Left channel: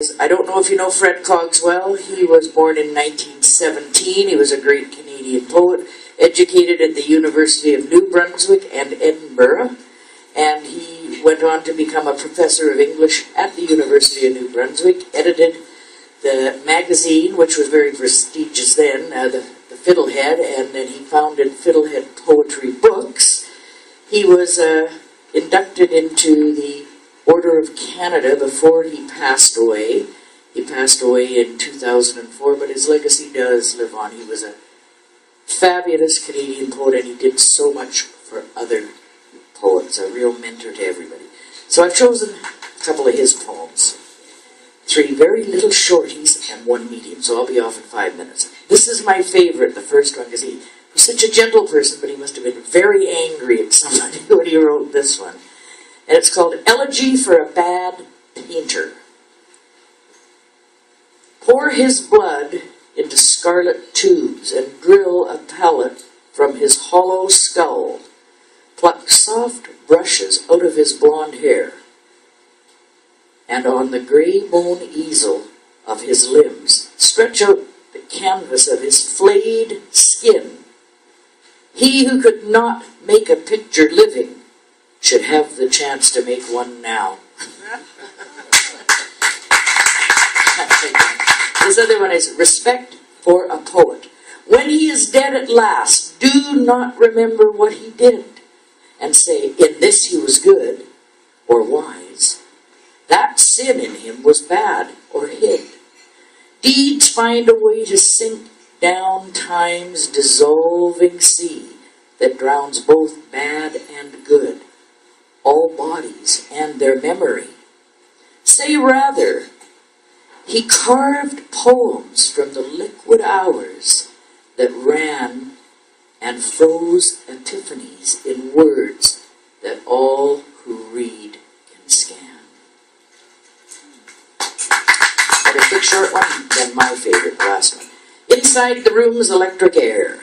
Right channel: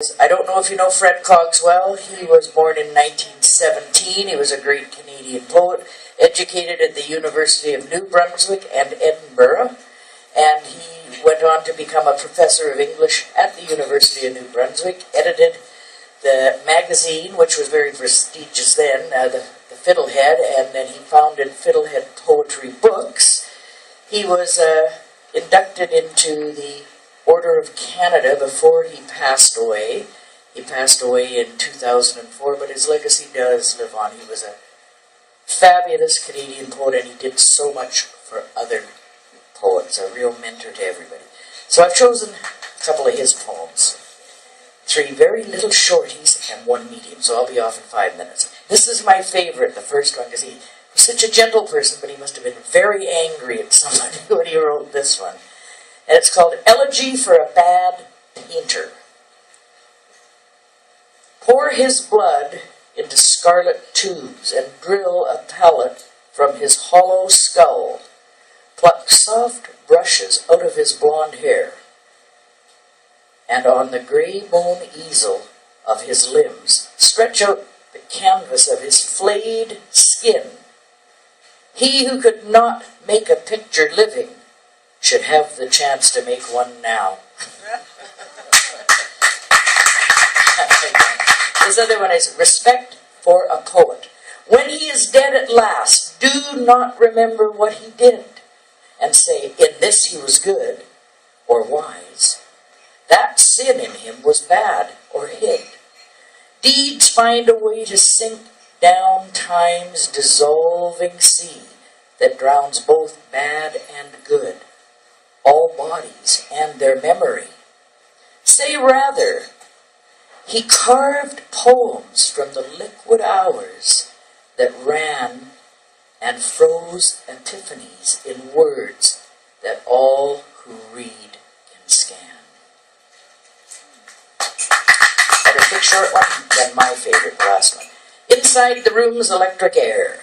I don't know if you know Fred Cogswell. He was born in 1917. He was a great Canadian poet, educated at the University of New Brunswick and Edinburgh, and he went on to become a professor of English at the University of New Brunswick, edited the magazine, which was very prestigious then, the Fiddlehead, and then he founded Fiddlehead Poetry Books. He was inducted into the Order of Canada before he passed away. He passed away in 2004, but his legacy does live on. He was a fabulous Canadian poet, and he did so much for other poets, a real mentor to everybody. So I've chosen a couple of his poems. 3 very little shorties and 1 medium, so I'll be off in 5 minutes. This is my favorite, the first one, because he was such a gentle person, but he must have been very angry at somebody when he wrote this one. And it's called Elegy for a Bad Painter. Pour his blood into scarlet tubes and drill a palette from his hollow skull. Pluck soft brushes out of his blonde hair. And on the grey bone easel of his limbs, stretch out the canvas of his flayed skin. He who could not make a picture living should have the chance to make one now. This other one is Respect for a Poet. When he is dead at last, do not remember what he did, and say, in this he was good or wise. That sin in him was bad or hid. Deeds find a way to sink down time's dissolving sea that drowns both bad and good, all bodies and their memory. Say rather, he carved poems from the liquid hours that ran and froze epiphanies in words that all who read can scan. And a quick short one, then my favorite, the last one. Inside the room's electric air.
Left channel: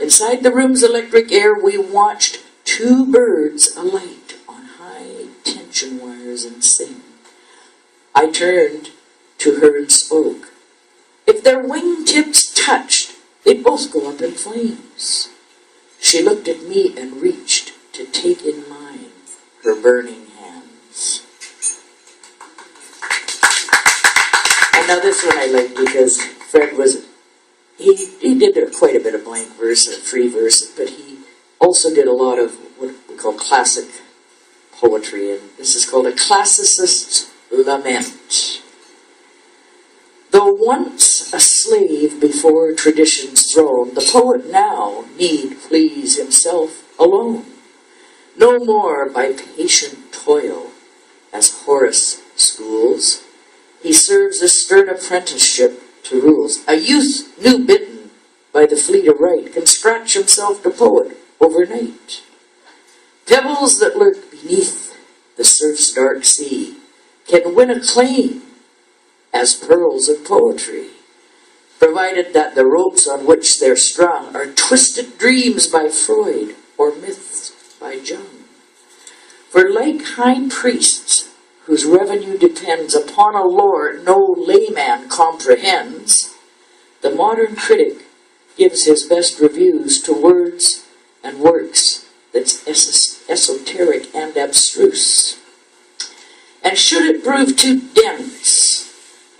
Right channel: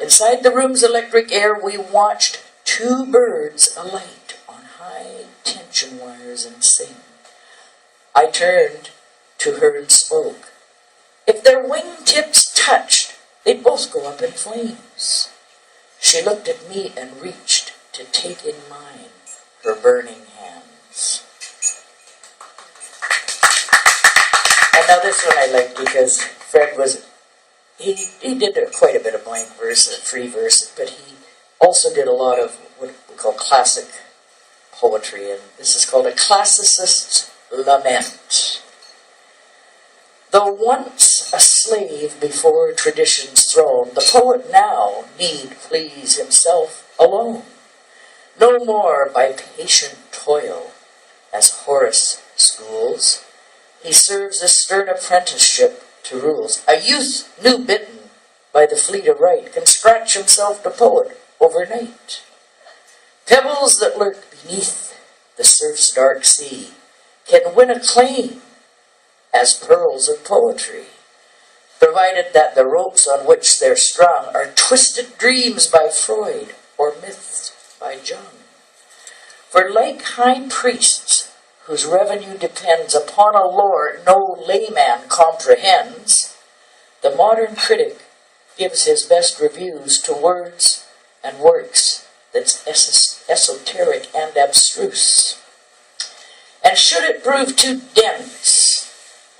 Inside the room's electric air, we watched 2 birds alight on high tension wires and sing. I turned to her and spoke. If their wingtips touched, they'd both go up in flames. She looked at me and reached to take in mine her burning hands. And now this one I like because Fred was, he did quite a bit of blank verse and free verse, but he also did a lot of what we call classic poetry, and this is called A Classicist's Lament. Though once a slave before tradition's throne, the poet now need please himself alone. No more by patient toil, as Horace schools, he serves a stern apprenticeship to rules. A youth new bitten by the fleet of right can scratch himself to poet overnight. Pebbles that lurk beneath the surf's dark sea can win acclaim as pearls of poetry, provided that the ropes on which they're strung are twisted dreams by Freud or myths by Jung. For like high priests, whose revenue depends upon a lore no layman comprehends, the modern critic gives his best reviews to words and works that's esoteric and abstruse. And should it prove too dense,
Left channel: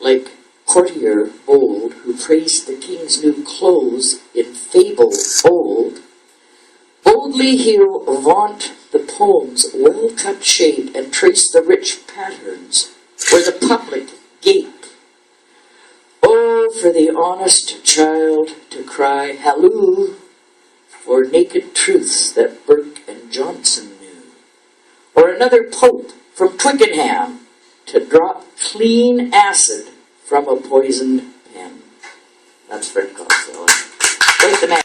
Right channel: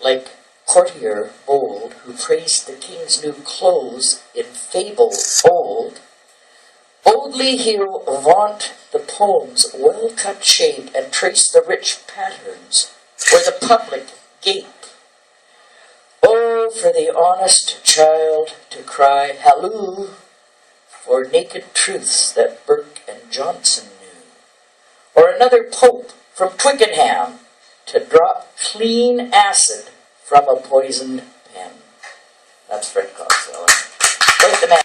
like courtier bold who praised the king's new clothes in fable old, boldly he'll vaunt the poem's well-cut shape and trace the rich patterns where the public gape. Oh, for the honest child to cry halloo for naked truths that Burke and Johnson knew, or another pope from Twickenham to drop clean acid from a poisoned pen. That's Fred Cogswell. Quite the man.